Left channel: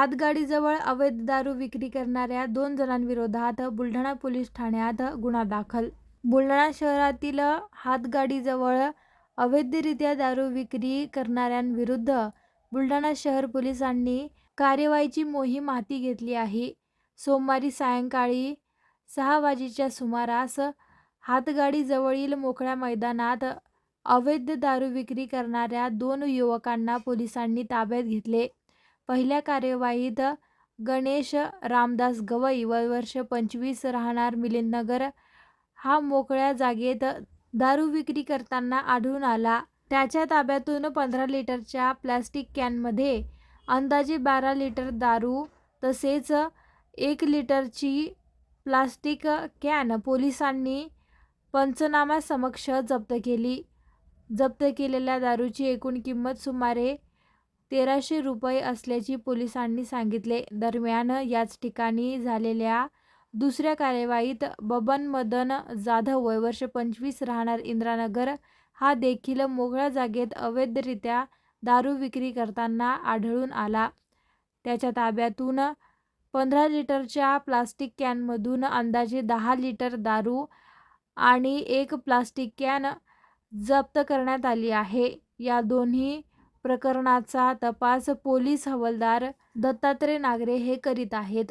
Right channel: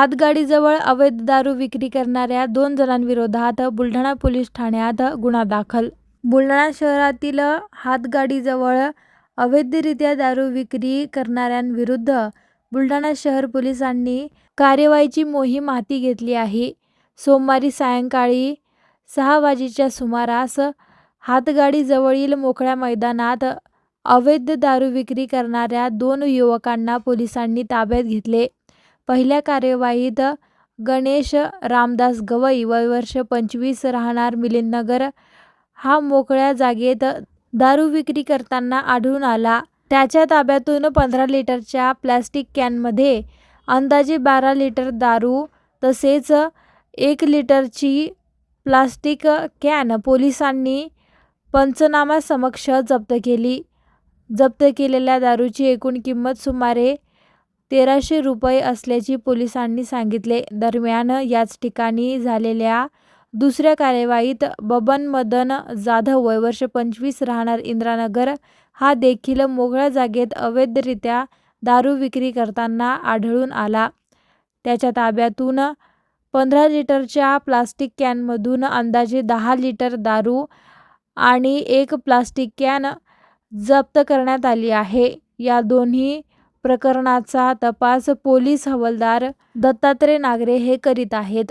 हातगाडीजवळ अवैध दारू विक्री करणाऱ्या 2 जणांविरोधात बुलढाणा पोलीस ठाण्यात गुन्हा दाखल. बुलढाणा शहरातील हातगाडीजवळ अवैधरित्या दारू विक्री करणाऱ्यांविरुद्ध बुलढाणा शहर पोलिसांनी कार्यवाहीची मोहीम हाती घेतली आहे. सोमवारी सायंकाळी 6 वाजेच्या सुमारास हातगाडीजवळील मोकळ्या मैदानात अवैध दारू विक्री करणाऱ्या 2 युवकांना पोलिसांनी ताब्यात घेतले. पहिल्या कार्यवाहीत गणेश रामदास गवई वय वर्ष 25 राहणार मिलिंदनगर हा मोकळ्या जागेत दारू विक्री करताना आढळून आला. त्याच्या ताब्यातून 15 लिटरच्या प्लॅस्टिक कॅनमध्ये अंदाजे 12 लिटर दारू तसेच 1 लिटरची प्लास्टिक कॅन पोलिसांनी पंचनाम्यासमक्ष जप्त केली. जप्त केलेल्या दारूची एकूण किंमत सुमारे 1300 रुपये असल्याचे पोलिसांनी सांगितले. दरम्यान याच ठिकाणी झालेल्या दुसऱ्या कार्यवाहीत बबन मदन जाधव वय वर्ष 25 राहणार इंदिरानगर हा देखील मोकळ्या जागेत अवैधरित्या दारू विक्री करताना आढळून आला. त्याच्या ताब्यातून 15 लिटरच्या प्लास्टिक कॅनमधून अंदाजे 10 लिटर दारू आणि 1 प्लास्टिक कॅन जप्त करण्यात आली आहे. या दोन्ही प्रकरणाचा तपास पोलीस हवालदार दत्तात्रय नागरे हे करीत आहेत.